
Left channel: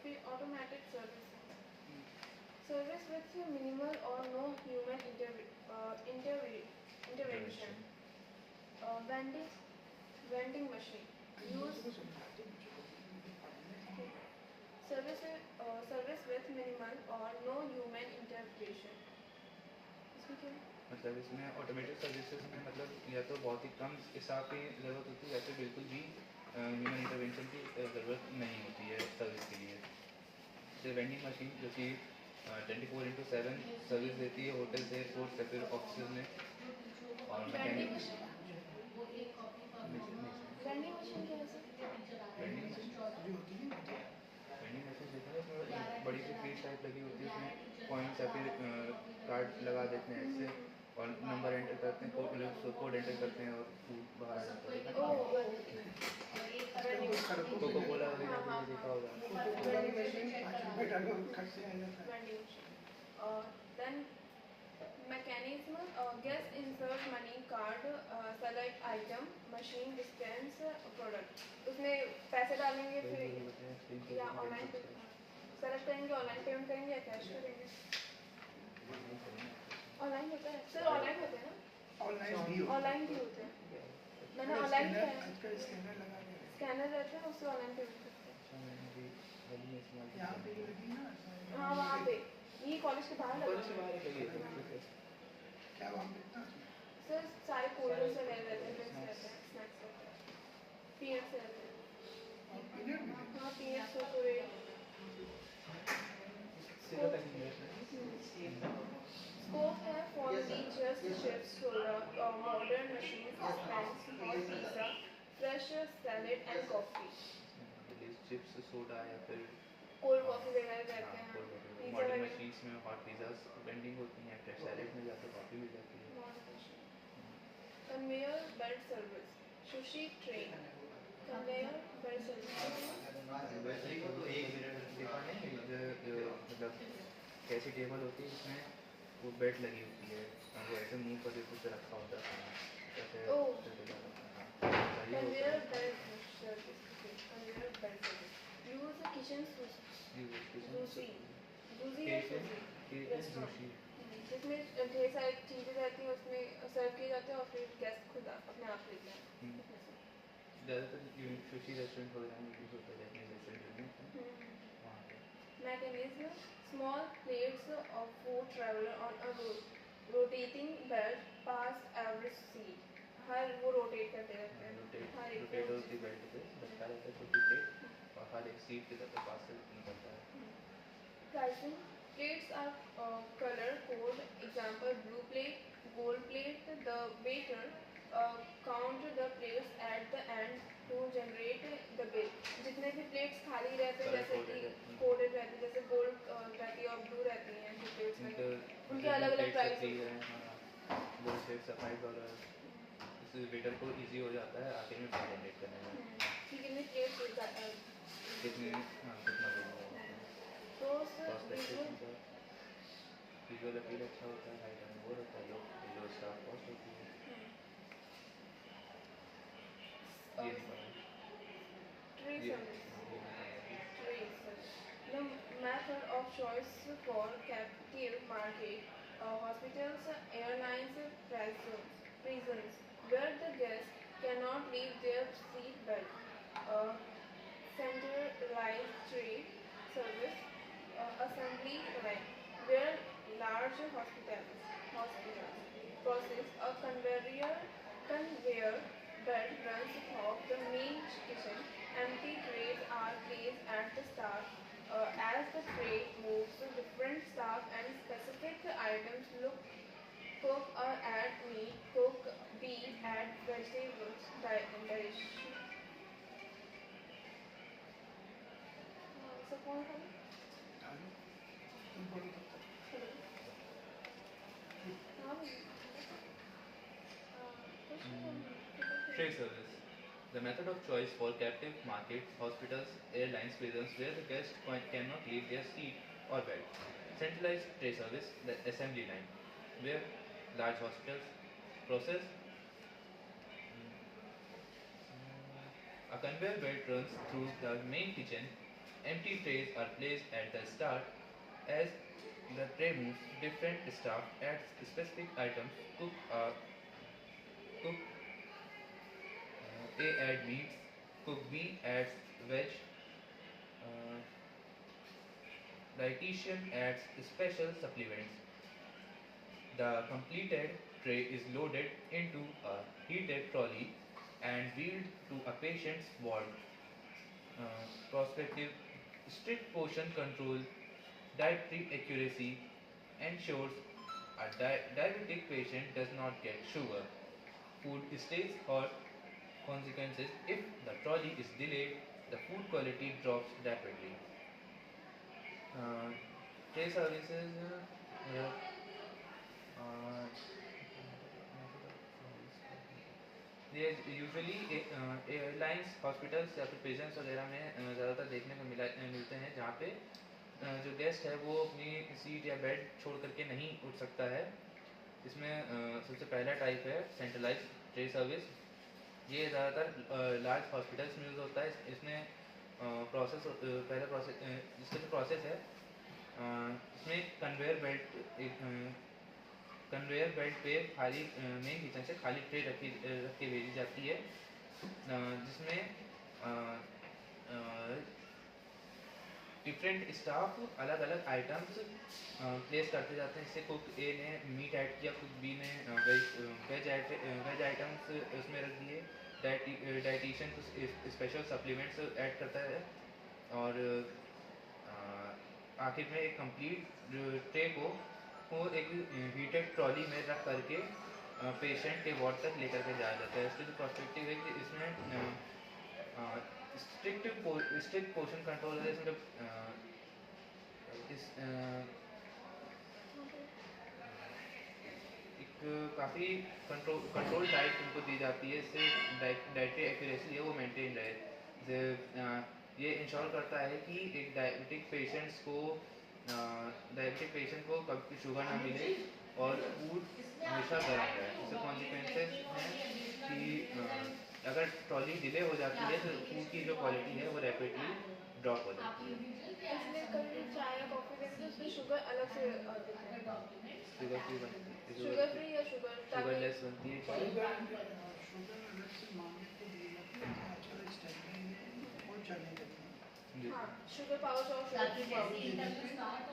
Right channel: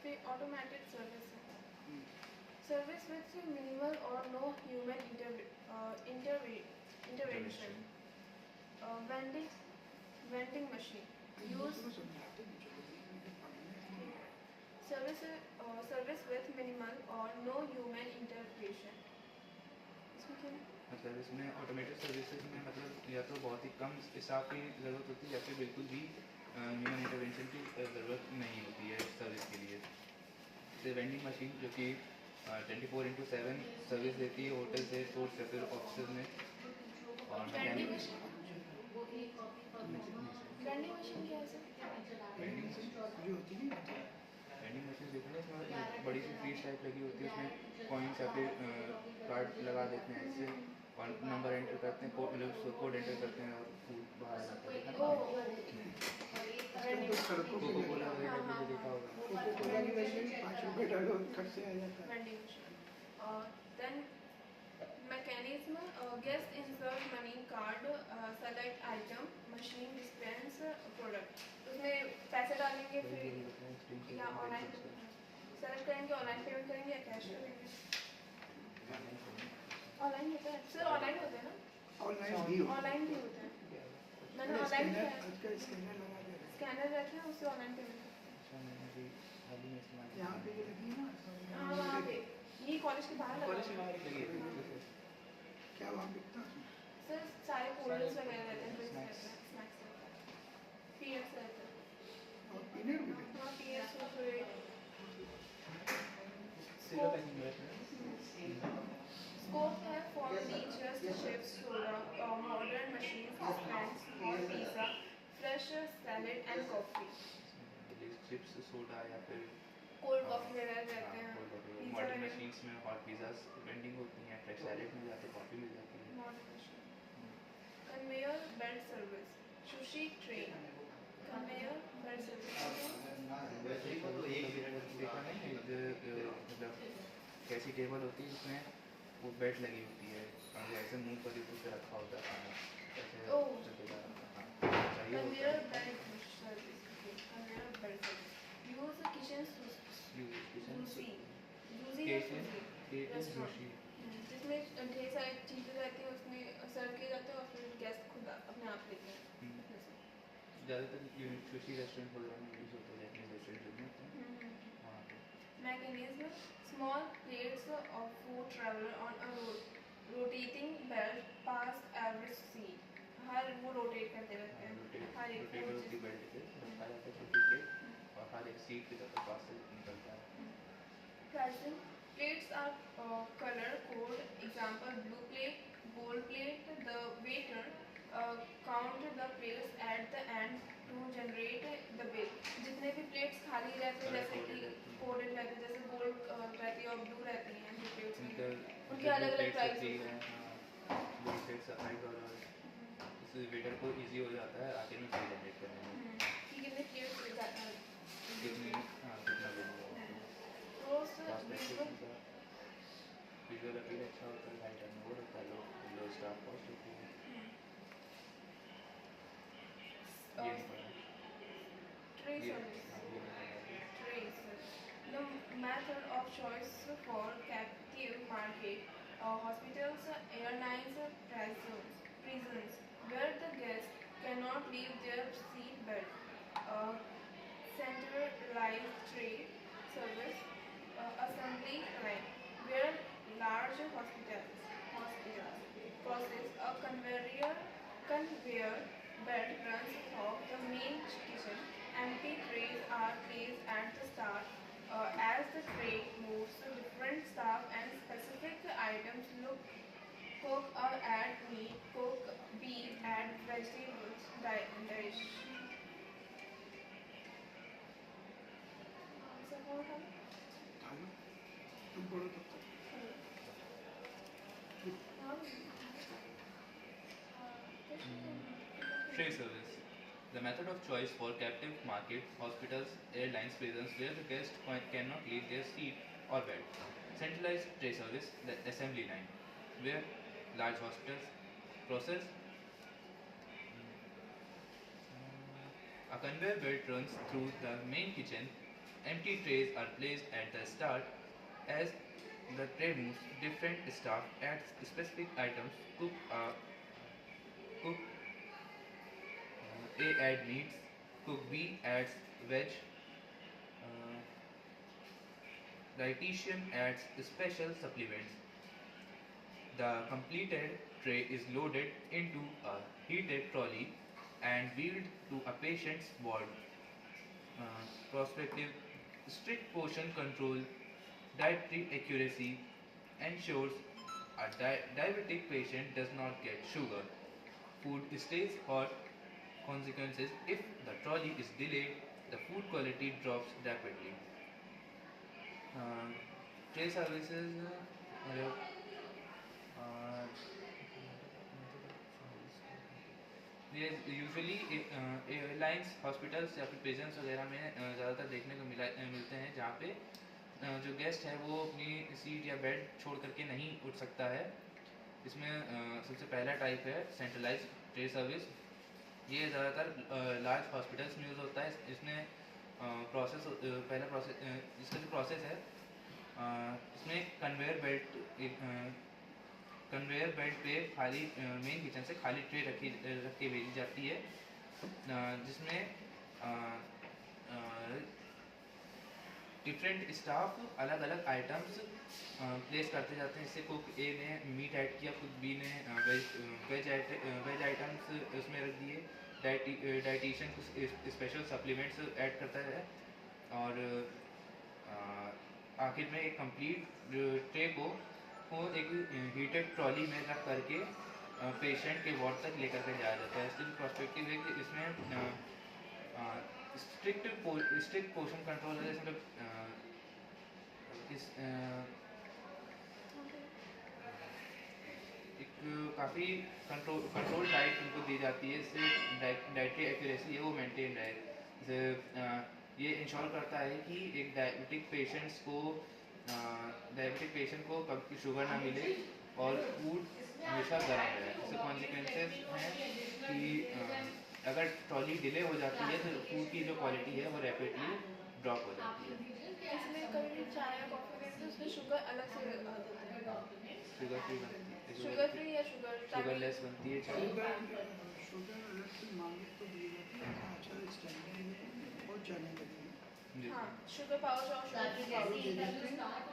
फिर automatic service with minimal or no human intervention. Vending machine. Service with minimal or no human intervention. इसमें क्या है? मतलब इसमें ऑटोमेटेड सर्विसेज में मतलब या तो बहुत ही कम स्टाफ की ज़रूरत होती है या फिर बिल्कुल भी ह्यूमन इंटरवेंशन की ज़रूरत नहीं होती है सर्विस के लिए. जैसे वेंडिंग मशीन जो कि 24/7 सर्विस देती है होटल से एयरपोर्ट से फिर ऑफिस में. और वेंडिंग मशीन क्या है सर? वेंडिंग मशीन देखा है उसमें बड़ी सी फ्रीज टाइप लगी होती है, उसमें कॉइन्स या फिर कार्ड लगा देते हैं इससे और नंबर एंटर करते हैं, कोड एंटर करते हैं और फूड बाहर आ जाता है. कोको कोला वगैरह भी देखा होगा. कोको-कोला की मशीन 5 रुपए डालो खट से आ जाता है. Vending machine. Then mechanism, guest insert money card, select item, machine dispense product. उसमें पैसे डालेंगे फिर या ऑनलाइन सेलेक्ट करेंगे, ऑनलाइन पेमेंट करेंगे या कैश करेंगे. ऑनलाइन होता है सर, ऑनलाइन होता है ना? ऑनलाइन भी होता है. मैंने ऑनलाइन किया है. आजकल स्कैनर लगा दे रहे हैं. स्कैनर रहता है उससे ऑनलाइन पेमेंट करते हैं. यहाँ पे जो लगी ना, हाँ वहाँ पे ये कॉलेज के बाहर लगा है. क्या वहाँ बिकता है? सर सारे कोल्ड्स वगैरह रहते हैं, स्नैक्स रहते हैं, पीएफ रहते हैं. और पीनट भी बिकता हाँ पीएफ कुरकुरे. Scope है for teachers, chefs, soda, modern machines, snacks, hot pizza, fresh salad and coffee. Chips soda या फिर कोल्ड कॉफी वगैरह रहते हैं. मॉडर्न मशीन्स में हॉट पिज़्ज़ास वेंडिंग होती हैं, फ्रेश सैलेड में जाकर कॉफ़ी मिल जाती है. Conveyor belt service, sushi train. Conveyor belt service. देखा नहीं मतलब कैसी टेबल होती है जिसमें वो बेल्ट लगी होती है और वो ऐसे मुंह पर ऊपर से रखा होता है ऐसे. Conveyor belt service. Conveyor belt service. Use kitchen juicy juicy या Kitchen, juicy kitchen restaurant sushi. जिसमें ढेर सारी चीज़ें रहती हैं, उसमें सर्व किए जाते हैं और फिर गेस्ट खुद अपने आप लेते हैं हम्म। अपने से। ज़्यादातर सुशी रेस्टोरेंट वगैरह में यूज़ होता है, जैपनीज रेस्टोरेंट में वहाँ पे। Mechanism: small plates of food travel on a rotating belt past every seat. हर वो रोटेट करते रहते हैं, हर एक रोटेट वो होती चीज़। बेल्ट पे रखा रहता है छोटी प्लेट और हर एक सीट की तरफ पास से निकलता है। Pricing: plates are color code. Example: blue plate, gold plate. The waiter count the plates at the end to generate the bill. जितने भी plates खाली रहते हैं, Color जैसे coded कि रहती हैं। कोडेड रहती है, जैसे गोल्ड रहती है और ब्लू रहती हैं जो plates में, उनके उनके अलग अलग प्राइस होती है, दो प्लेट सफाई कलर, इससे वेटर को इजी हो जाता है आखिर में बिल जनरेट करने में। कि कितने प्लेट्स कितनी कितना देना है, तो कॉस्ट इफेक्टिव का विजुअल अपील अच्छा होता है, हाई टर्न वो रहता है, लो स्टाफ कॉस्ट होती है। ये नहीं पता ट्रे ये सर्विस ये नहीं पता। The method of choice for captive market, hospitals, airlines, prisons, where the guests cannot leave their seat belt. Centralized tray service, assembly line, where large hospitals process a conveyor belt runs through the main kitchen. Empty trays are placed at the start. As the tray moves, different staff and specific items cook or add meat, cook beef, add vegetables, dish. Suppose hello, तुम बोलो तब तक। Tray service. The method of choice for captive markets, hospitals, airlines, prisons where the guest cannot leave their seat or bed. Centralized tray service, the assembly line, where large hospitals process. A conveyor belt runs through the main kitchen. Empty trays are placed at the start. As the tray moves, different staff adds specific items. Cook A add meats, cook B adds veg, uh, dietitian adds special supplements. The completed tray is loaded into a heated trolley and wheeled to a patient's ward. Prospective strict portion control, dietary accuracy ensures a diabetic patient does not get sugar. Food stays hot. Consequences: if the trolley is delayed, the food quality drops rapidly. Tray services, uh, ये usually airlines, hospitals या फिर prisons वगैरह में ज़्यादातर देखने को मिलते हैं, जहाँ पे जो गेस्ट है वो अपनी सीट या बेड छोड़ करके नहीं उठ सकता है। इसमें सबसे पहला टाइप है सेंट्रलाइज ट्रे सर्विस। ये ज़्यादातर लार्ज हॉस्पिटल्स में यूज़ होता है। इसमें पहला प्रोसेस इसका जो प्रोसेस है, इसमें कन्वेयर बेल्ट पे खाली मेन किचन से खाली ट्रे रख के भेजी जाती है, जिसमें डिफरेंट स्टाफ अलग अलग आइटम्स प्लेस करते जाते हैं। इससे कुक ए ने मीट ऐड किया, कुक बी ने वेज आइटम्स उसमें रख दिए, डाइटिशियन कुछ स्पेशल सप्लीमेंट्स ऐड करता है और आखिर में एक कंप्लीट ट्रे को एक हीटेड ट्रॉली में रख करके पेशेंट के वार्ड तक लेकर के जाया जाता है। इसके जो पर्सपेक्टिव है कि इसमें स्ट्रिक्ट पोर्शन कंट्रोल है, मतलब एक काफ़ी कंट्रोल डाइट उनको दी जाती है। इससे डाइटरी एक्यूरेसी है वो मेंटेन रहे। जैसे ये इंश्योर करता है कि एक डायबिटिक पेशेंट को कभी शुगर ना मिले और फूड हमेशा गर्म रहे। इससे कॉन्सिक्वेंसेस हैं कि अगर ट्रॉली डिले हो जाती है तो फूड की जो क्वालिटी है वो रैपिडली ड्रॉप हो जाती है। इसमें कभी चाय या कॉफी देते तो उसमें शुगर अलग से देते हैं। शुगर फ्री बनती है, शुगर फ्री या शुगर शुगरलेस बनती है चाय। शुगर अलग से मांगे तो दी जाती है, अच्छा स्टैंडर्ड बहुत जाने लगी है। जी। हाँ, शुगर पाउच और शुगर फ्री पाउच दे देते हैं।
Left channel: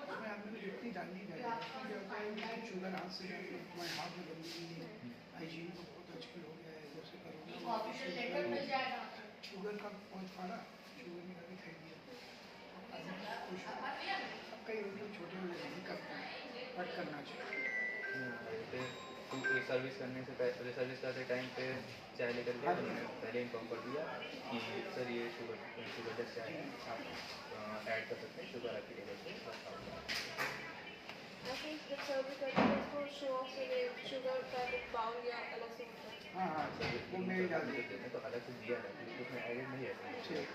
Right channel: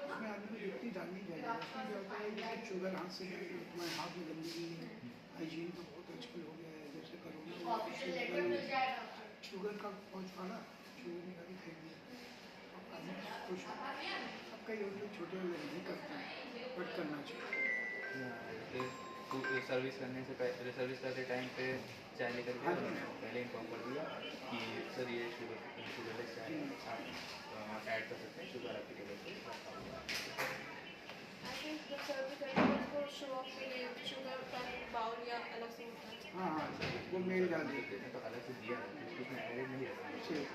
उसमें आपने को जितनी डालनी चाहिए, उसमें क्या होता है कि शुगर हाथ से तुम्हारे हाथ में गंदगी है, हाइजीन तो बहुत आजकल हो गया है, जैसे करोना ऑफिशियल लेटर मिल जाएगा आपको। शुगर का पहुँच पाना, शुगर निकाल के फेंक दिया तो आदमी खुश हो। अब कई लोग छोटे लोग नहीं करते हैं, बट करना चाहिए। फिर सर्विस करने से पहले, सर्विस करते टाइम पे चाय लेकर के हमने पहले इन्फॉर्म कर दिया कि सर ये शुगरलेस चाय है, आप ऐड कर सकते हैं शुगर आपकी वजह से। आई थिंक जब सर्व करते हैं उसको शो ऑफ के लिए शुगर का बाउल या अलग से होता है। हाँ हाँ, तो मेरी डाल दी। देते हैं तो अलग से दिया है, क्योंकि उसमें एडिड नहीं है। ठीक।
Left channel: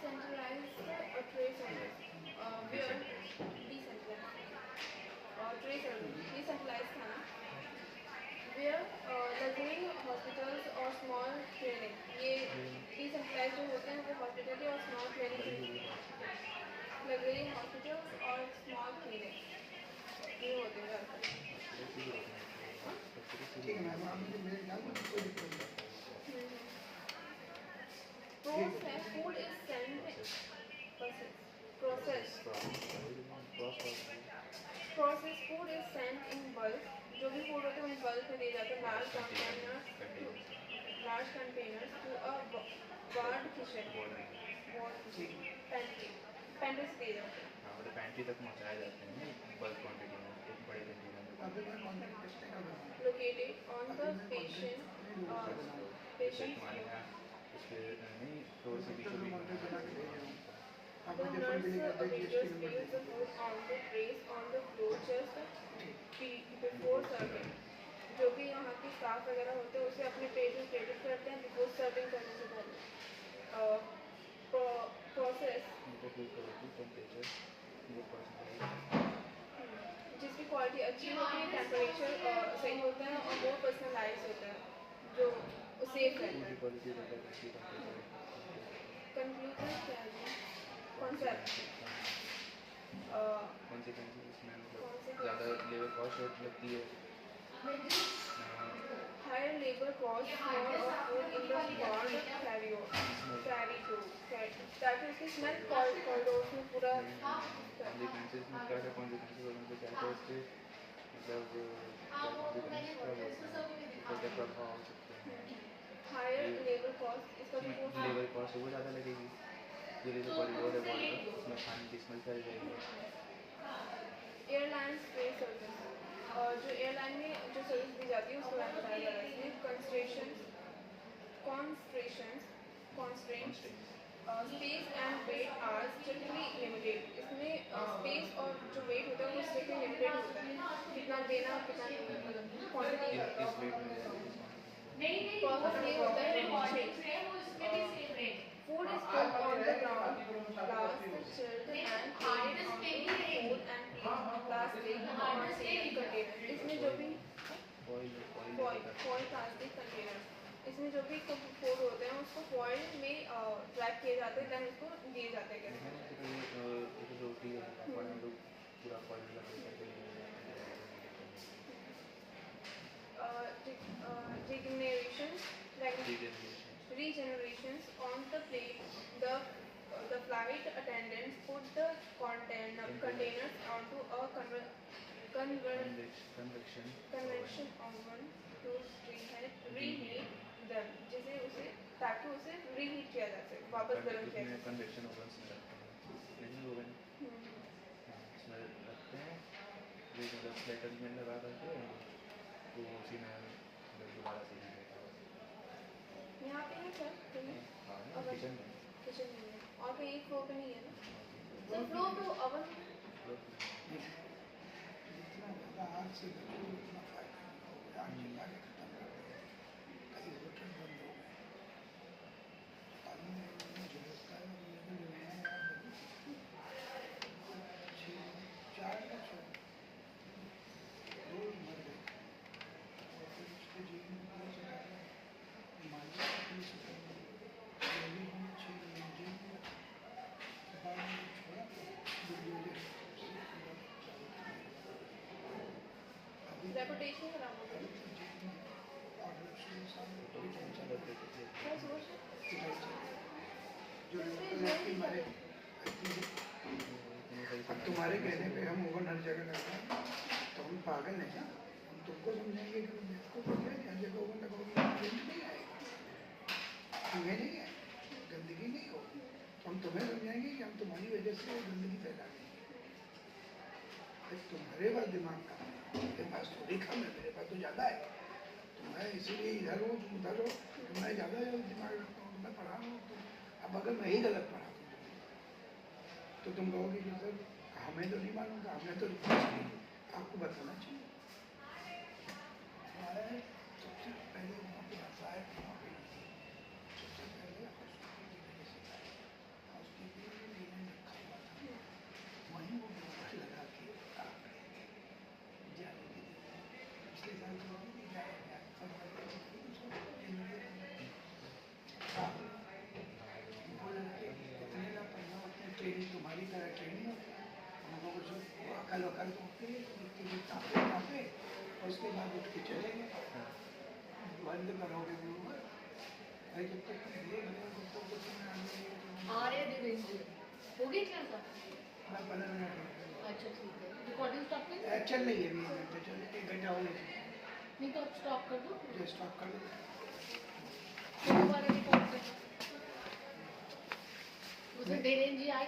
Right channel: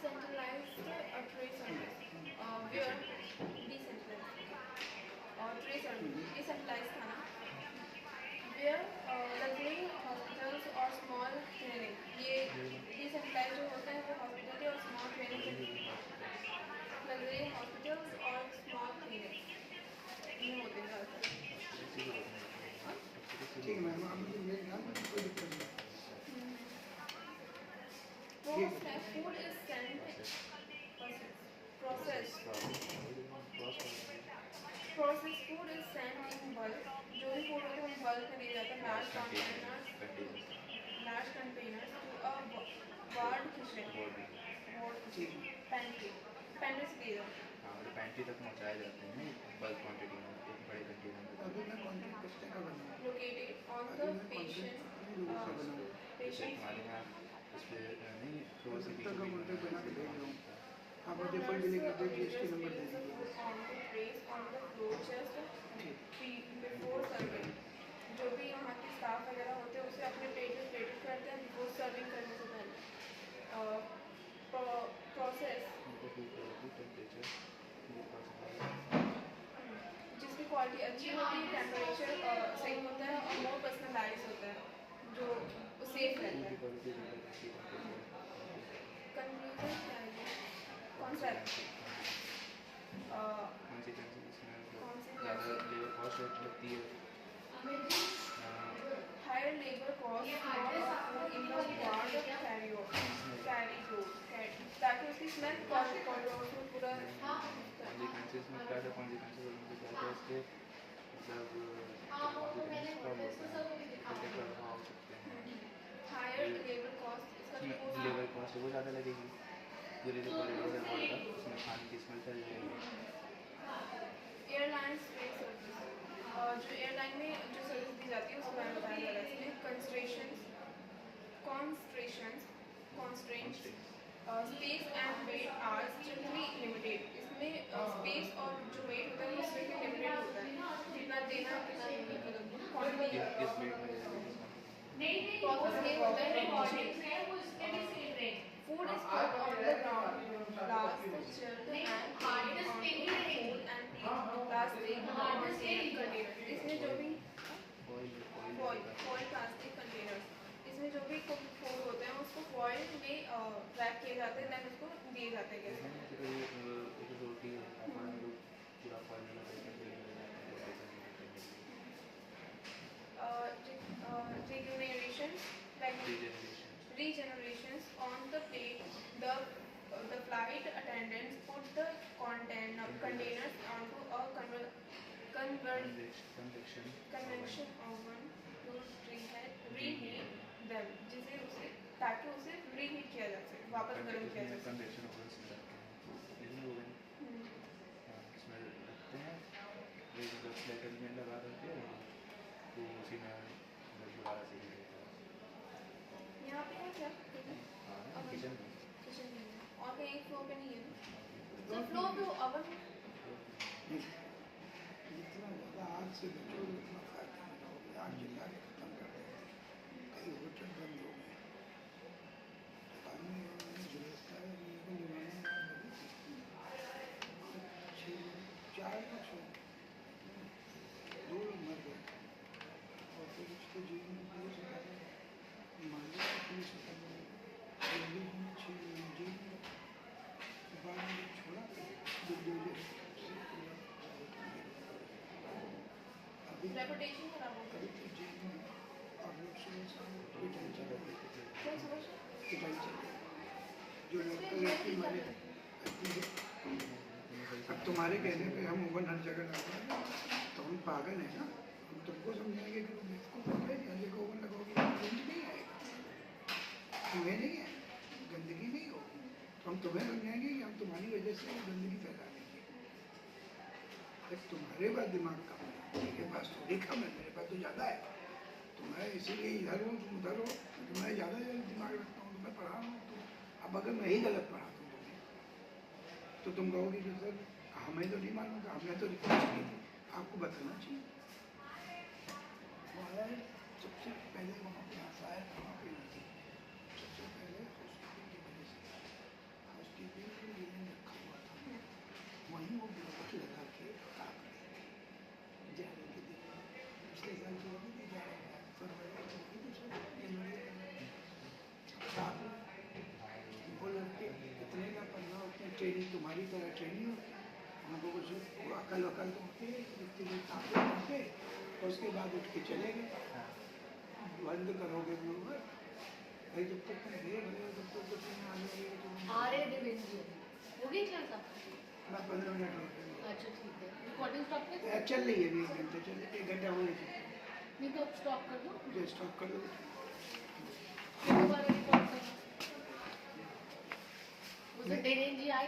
Centralized tray service, where decentralized tray service, decentralized था ना, where luxury hospitals और small clinic, ये decentralized जो होते हैं वो hospitality और small clinic, luxury hospitals और small clinic ये होते हैं ज़्यादातर। ठीक है मैम, आप मुझे मेल डाल दो, कोई दिक्कत नहीं। Food is sent processed food is sent in bulk, जो भी फूड होता है हम बल्क में ले जाते हैं, large containers to a ward kitchen, pantry से ले जाते हैं। हाँ, मतलब पैंट्री तक पहुँचाए जाते हैं बल्क क्वांटिटी में, एक बड़े कंटेनर में। अभी मैं कॉन्ट्रैक्ट कितने का बनाऊँ? Located on the patient हमारे यहाँ उस पर नहीं थोड़ी सी तक का कॉन्ट्रैक्ट बना के भेज रहा हूँ। आप The मुझे फुल बिलिंग nurse कर दे, waiters GST number they place the दीजिए। food on the trays on the floor just ठीक। before serving। जो भी यहाँ के स्टाफ वगैरह होते हैं उसे अपने प्लेट में प्लेटेड करते हैं बिफोर सर्विंग करने से पहले। प्रोसेस जिसकी क्वालिटी अच्छी होती है, टेम्परेचर सही होता है और मोर पर्सनलाइज होता है, जो सेफ रहता है। कंक्लूजन क्या है? कॉन्सेप्ट इसमें ज़्यादा लेबर कॉस्ट लगती है। higher labor cost for a food in the ward carry through, ताकि उसकी स्मेल कॉरिडोर में पूरा कॉन्सिक्वेंसेस में क्या क्या कॉन्सिक्वेंसेस और क्या क्या इसके मतलब प्रभाव हो सकते हैं। हायर लेबर कॉस्ट, इसका लेबर कॉस्ट वो ज़्यादा लगेगी, पूरी जो कॉरिडोर है वहाँ का उसमें खाने की स्मेल फैल जाएगी। एयरलाइन स्पेस सर्विस, जो एयरलाइन में जो सर्विस दी जाती है उसके बारे में बताया जा रहा है इसमें। constraints space and weight are strictly limited. इसमें स्पेस और जो वेट होता है वो स्ट्रिक्टली लिमिटेड होता है, कितना देना कितना मतलब क्वांटिटी। इस वेट में नहीं प्रोसेस ये होता है रिकॉर्डिंग है वो इसके लिए same rate. Food is put on the ground, last chilled and hard on the cold and clean plastic containers। इसमें जो भी फॉइल प्लास्टिक कंटेनर, इसमें जो भी फूड होते हैं उसको फॉइल में रैप किए जाते हैं, देन उसको दिए जाते हैं कैसे। रोटी है हम लोग पूरा formula regenerations on the plate, the flight attendants put the containers onto a convection oven to reheat them, जिसे उसे ताकि उसे reheat किया जा सके, वापस गर्म किया जा सके। कन्वेक्शन ओवन से लेकिन ओवन इसमें रखते हैं ये मतलब स्लेटर में लगा करके तो उसी में दोबारा से ही देते हैं। यहाँ पे क्या किचन में किचन में है और कहीं फ्लोर पे नहीं है ना, तो फ्लोर पे वो ओवन जितना ज़्यादा आग से बचोगे उतना फायदा होगा। आग जला के खत्म कर दो, कई होटल बंद हो गए, पानी में गिरता है, लेकिन चार दो मर गए और फिर उसके जीवन में पुलिस मालिक पुलिस 6 महीने जेल रेपुटेशन खराब हो अभी गई। तो जेल में और लोग सुबह शाम कोई टेंशन नहीं लेते। क्या समझ? पिटाई चल रही है। जो लड़की मारे अब तुम्हारे कहने पे हम ओवन हर जगह लगा रहे हैं, तो हम पागल हैं ना। हम तुमको समझाएंगे कि तुम बेवकूफ हो गए, हर जगह ओवन लगाओगे गंदगी नहीं आएगा, तुम्हें नहीं है, गंदगी नहीं होगी। तो हम तुम्हें समझाएंगे कि हम तुम्हारी वजह से गंदगी फैला देंगे। भाई तुम्हारे पास दिमाग कम है, मेरे पास थोड़ी कम है, मेरे पास तो ज़्यादा है। तो मैं इसीलिए इधर हूँ, तुम उधर हो, तो मैं ज़्यादा दिमाग रखता हूँ, मैं पढ़ा हूँ। तो अब अगर मैं ही गलत पढ़ा दूँ तो तुम कहोगे कि सर हमें तो नहीं मालूम था, हमने तो रिपोर्ट की थी, आपको बताना चाहिए। हमारा सबसे पहले वहाँ पे आसार वहाँ पे नहीं थी। सबसे पहले हाउसकीपिंग के लिए रखा हुआ था, वहीं वो बिल्कुल लगा के काम करेंगे जाने के लिए। पिछले साल की होगी थी जाने फरवरी जनवरी वो लड़के इतने का पढ़ना होते हैं, ट्रेनिंग तुम्हारी तरह ट्रेनिंग होती है। उनको कुछ वो अकल वकल तो होती है, उसके लिए तापे और उसके बाद उठ के चले गए। बंद करोगे बरोबर भाई, जब तक तुम ये बने जब तक कुछ नहीं आने तो आ रहे हैं दिवेश जी, हो गई क्या सब? मैं 15 मिनट हो गए। अच्छा ठीक है, रिकॉर्डिंग स्टॉप कर दो? चल रही है अभी 1 घंटे चल, 1 घंटा हो गया नहीं तो अब स्टॉप कर दो, जो स्टॉप कर दो। फिर दोबारा रिकॉर्ड करना। उसे डेरेन जी आए